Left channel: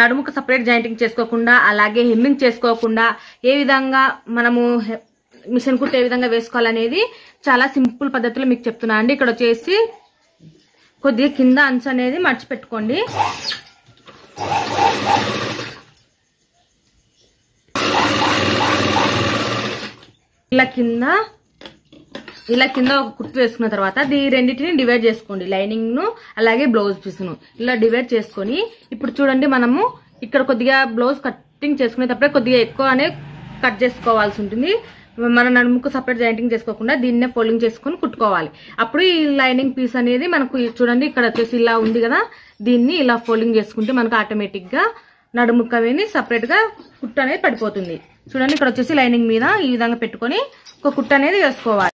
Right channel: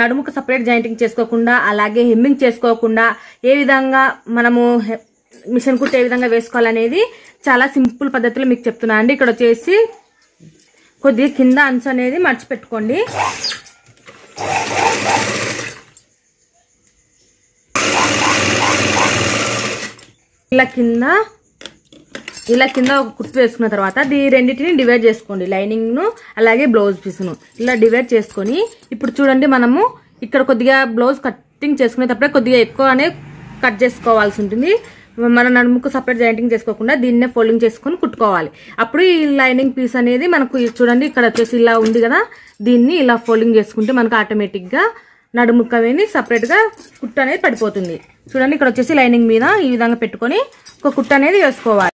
నడుముకు separate jointing చేసుకోకుండా అలాగే హెమ్మింగ్ చేసుకోకుండా ఏ విధంగా మనము మిషన్ కుట్టు ఏ విధంగా వేసుకోవాలనేది చాలా సింపుల్ పద్ధతిలో మీకు చెప్తున్నా అండి. ఇక్కడ వచ్చేసి కొద్దిగా కింద అంచు అనేది మర్చి పెట్టుకోండి. ఇలా కింద ఒక కుట్టు వేసుకున్న తర్వాత రెండింటిని డివైడ్ చేసుకోండి. లైనింగ్ ను అలాగే బ్లౌజ్ పీస్ ను ఇలా డివైడ్ చేసుకొని ఇప్పుడు చూడండి, మనము ఇక్కడ కొద్దిగా బ్లౌజ్ కటింగ్ చేసుకునేటప్పుడే కొద్దిగా ఎక్కువనే కట్ చేసుకోవాల్సి ఉంటుంది. మన నడుముకు సపరేట్ జాయింటింగ్ చేసుకోకుండా దీన్నే ఫోల్డింగ్ చేసుకొని కుట్టుకోవాలి. అప్పుడు ఈ లైనింగ్ పీస్ అనేది మనకు చూడండి ఇక్కడ వచ్చేసి ఇలా ఉంది కదా, దీన్ని ఇలా ఫోల్డింగ్ చేసుకుంటే మనకు ఆటోమేటిక్ గా నడుముకు అనేది సపరేట్ గా కుట్టు అనేది పడిపోతుంది. చూడండి ఇక్కడ వచ్చేసి లైనింగ్ మీద ఈ విధంగా పెట్టుకొని ఒక కుట్టు అనేది వేసుకోవాలి.